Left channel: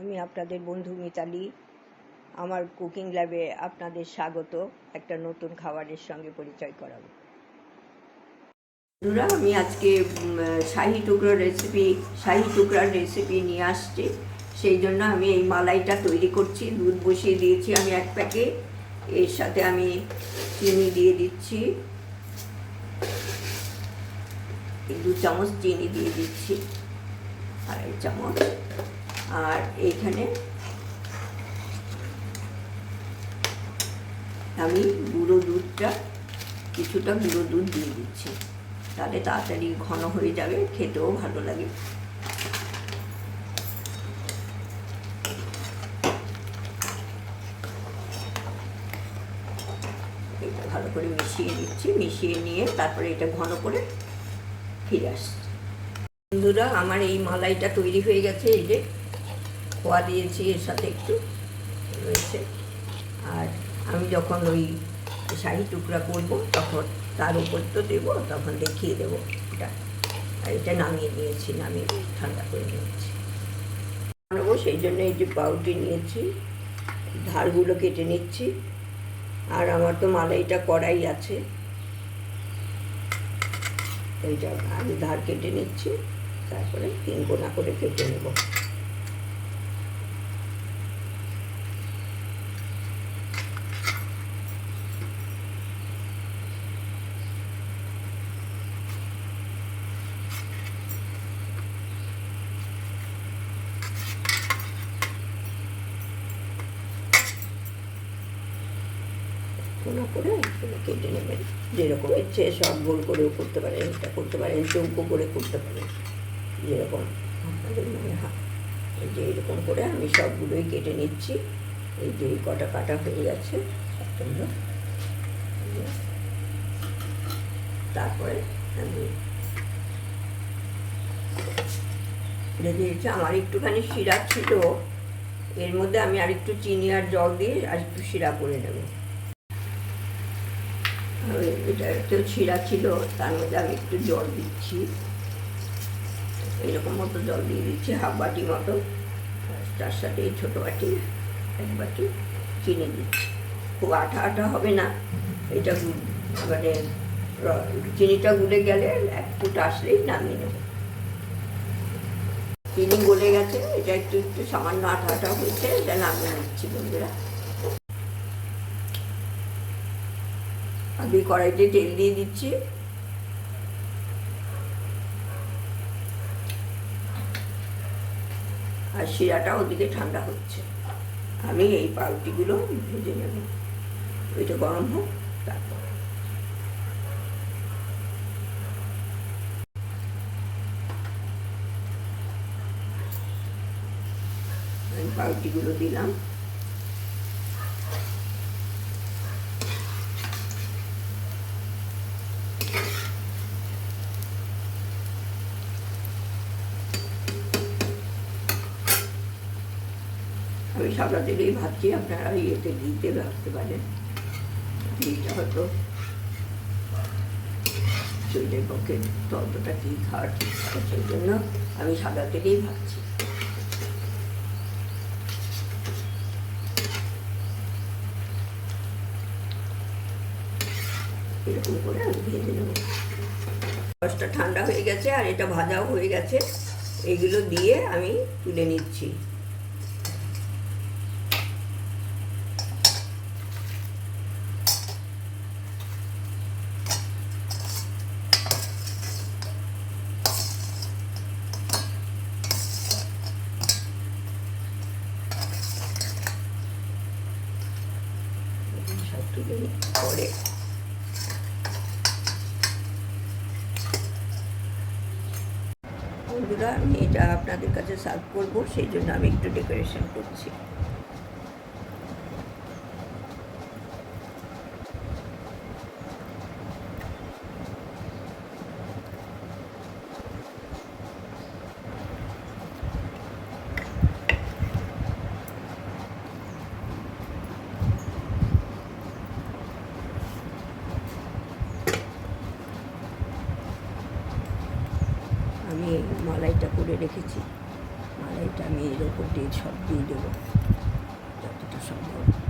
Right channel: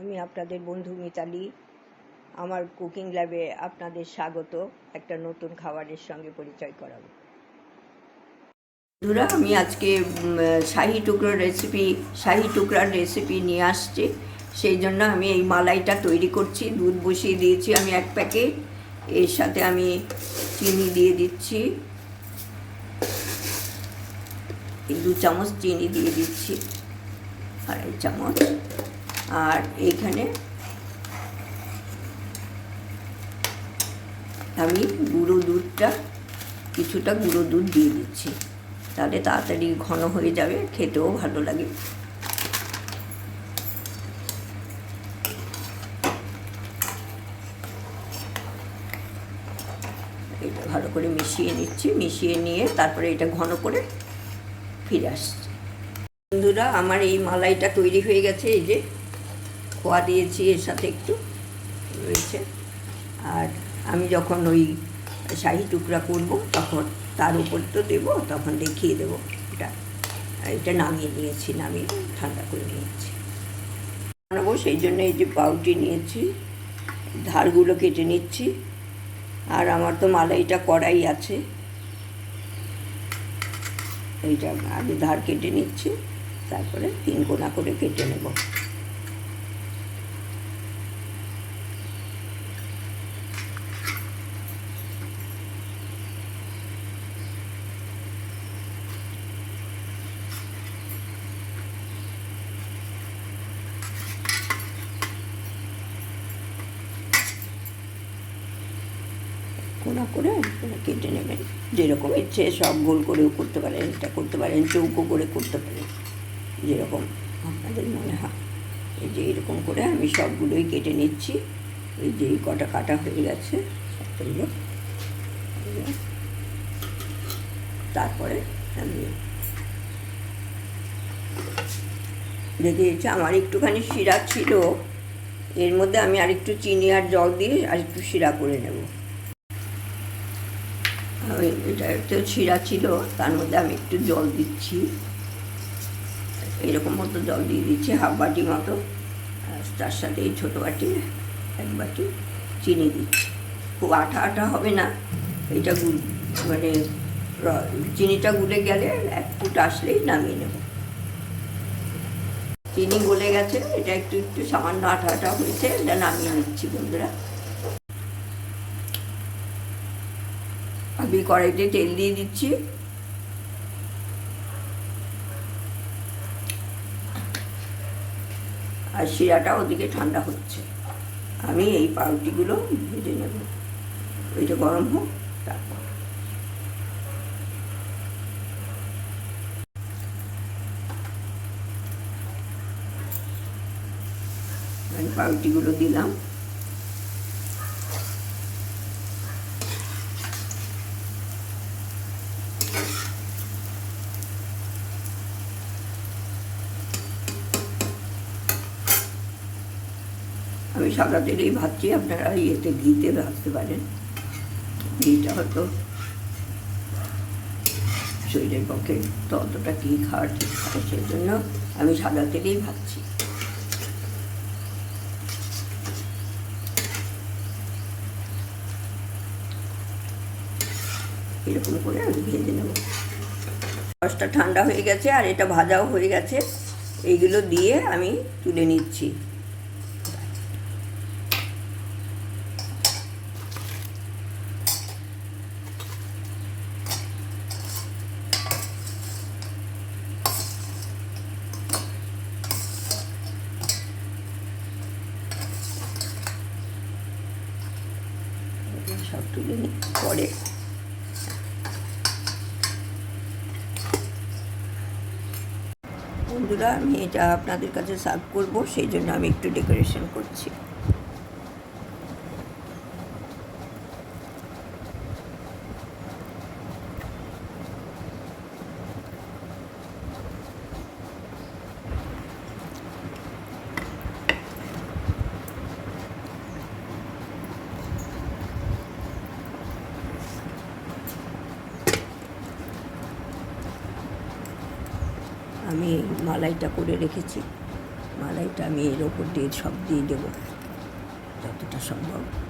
আমি আপনাদের বন্ধু মিতালি। আমার কুকিং ল্যাবে আপনাদের স্বাগত। একটা নতুন খাবারের সঙ্গে পরিচয় করাবো। বন্ধুরা, আমি আজকে শাহি টুকরোর রেসিপি শাহি টুকরার রেসিপি নিয়ে আসছি। সেই জন্য আমি এই মালাইটা তৈরি করছি। দুধ বসিয়ে দিয়েছি আমি এক প্যাকেট এর সাথে আমি চিনি দিয়ে দিচ্ছি। দু চামচ চিনি দিয়ে দিচ্ছি। আড়াই চামচ। আর এইখানে আমি গুঁড়ো দুধটা, কিছুটা গুঁড়ো দুধ দিয়ে দিচ্ছি। তাহলে তাড়াতাড়ি ঘন হয়ে যাবে, খেতেও ভালো লাগে। ভালো করে মিশিয়ে দিচ্ছি মিশিয়ে নিয়ে তারপরে এটা ঘন করে ফিরে আসছি। বন্ধুরা, আমার এই মালাইটা তৈরি হয়ে গেছে, এই যে খোয়া দিয়েছি, এর সাথে একটু রয়েছে। আর আমি যখন ওই শাহি টুকরা করব তখন তার উপর তো দেবো, তখন দেখিয়ে দেবো এটা। এটা নামিয়ে নিয়েছি, নামিয়ে ঠান্ডা করে নিয়েছি। বানাবো সেই জন্য এই যে পাউটি নিয়েছি, ধারগুলো কেটে নিচ্ছি। আর আমার তো মালাইটা কড়াই আছে। এইটা আমি ধার কেটে নিচ্ছি, তারপরে তিন কোনা করে কেটে নেব। কোনা করে করে কেটে নেবেন। যেরকম ইচ্ছে সব গোল করেও করতে পারেন, এটা করতে পারেন, চৌকো করে করতে পারেন, যেরকম আপনাদের মনে হয়। এই যে এরকম করে আমি সবগুলোই কেটে নিচ্ছি। এই যে কটা কাটা হয়ে গেছে তারপরে আমি দিচ্ছি আমার একটুখানি শিরা ছিল, এর মধ্যে আমি আরেকটু চিনি আর জল দিয়ে আর একটু শিরা করে নেব। ওই এটা একটু শিরা ছিল, তার মধ্যে আমি একটু জল দিচ্ছি। এরকম মতো জল দিয়ে দিচ্ছি, হাফ বাটি মতো। তার সাথে এই ছোটো বাটি, এক বাটি চিনি দিচ্ছি। খুব আঠা আঠা হবে না, এটা মানে চিনিটা গুলে গেলে এক ফুট আসলেই নামিয়ে নেব। চিনি গলে গেছে, এটা একটু একটু সামান্য আঠা আঠা হয়েছে, এটা নামিয়ে নিচ্ছি বন্ধুরা। আমি কড়াইতে তেল দিয়ে দিচ্ছি। আর শিরাটা ওদিকে ঠান্ডা হচ্ছে। আমি এই পাউটিগুলো ভেজে নেব। ওইটা গরম হোক, তারপর। আমি পাউটিগুলো দিলাম। আমি সাদা তেলেই ভাবছি আপনারা ইয়েতে, ঘিতে রাখতে পারেন। ঘিটা হয়তো শরীরের পক্ষে ততটা কী খাওয়ার হয় সেই জন্য আমি সাদা তেলেই ভাবছি। এরকম করে আমি ভেজে নেব। রসটা ঠান্ডা হয়ে গেছে আর এটা ভাজাও হয়ে গেছে। এইগুলো দিয়ে আমি তুলে নিচ্ছি। পরে। বন্ধুরা আমি এটা আপনাদের কাছে সার্ভ করব সেই জন্য আমি একটু ডেকোরেশন করছি। আমি মালাইটা করে রেখেছি। মালাইটা আমি এর ওপর দিয়ে সব দিয়ে দেবো। যতটা সম্ভব।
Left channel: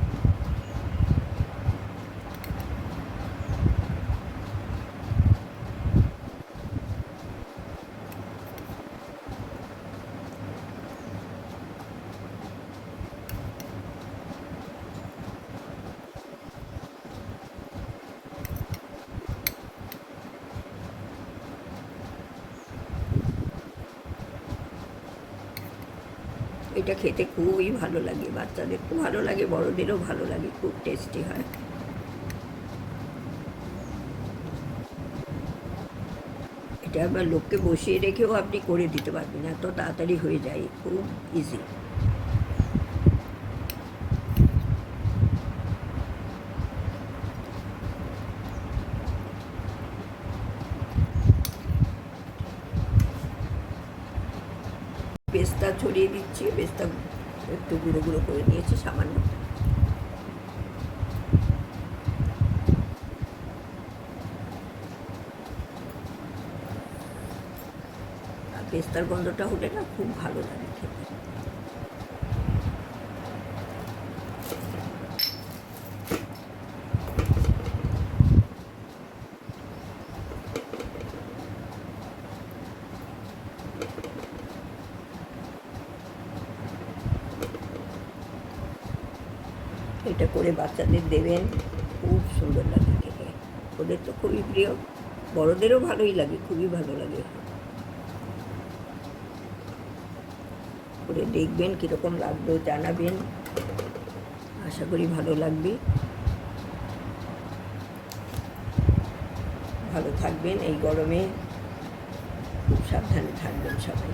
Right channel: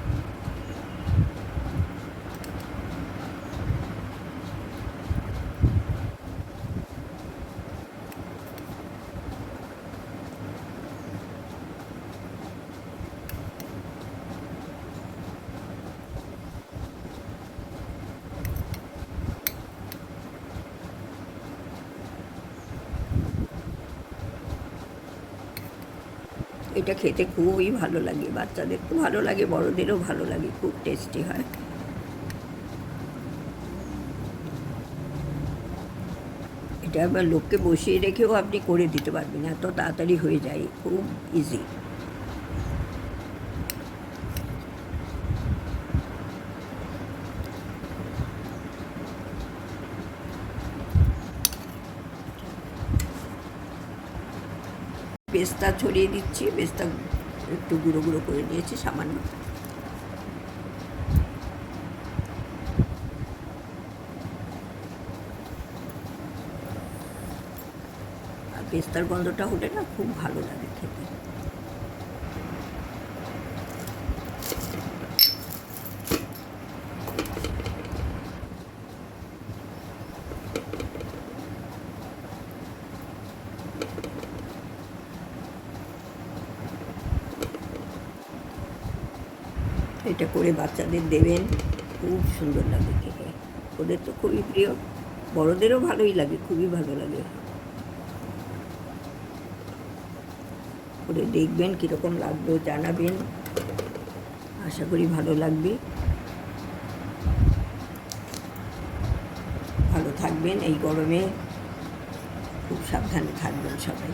এটা খেতে খুবই ভালো লাগে, বাচ্চাদের তো ভালো লাগে, বড়দেরও ভালো লাগে, খুব টেস্টি হয়। এটা আবার লোককে বসিয়ে রেখেও আপনি করে দিতে পারবেন, এত তাড়াতাড়ি হয়ে যায়, খুব ইজি পেস্তা ছড়িয়ে দিচ্ছি, বেস্তা একটু গুঁড়ো গুঁড়ো করে নিয়েছি সামান্য। আর পেস্তার গন্ধটা হলে না খুব ভালো লাগে খেতে এটা করে বাচ্চাদের দেবেন। খুব সুন্দর লাগে খেতে। ওদের তো খুবই প্রিয়। বড়দেরও ভালোই লাগে, খুবই ভালো লাগে। করে দেখবেন কীরকম লাগল, জানাবেন। আশা করি ভালো লাগবে। ভালো থাকবেন এই গরমে। খুব সাবধানে থাকবেন সবাই।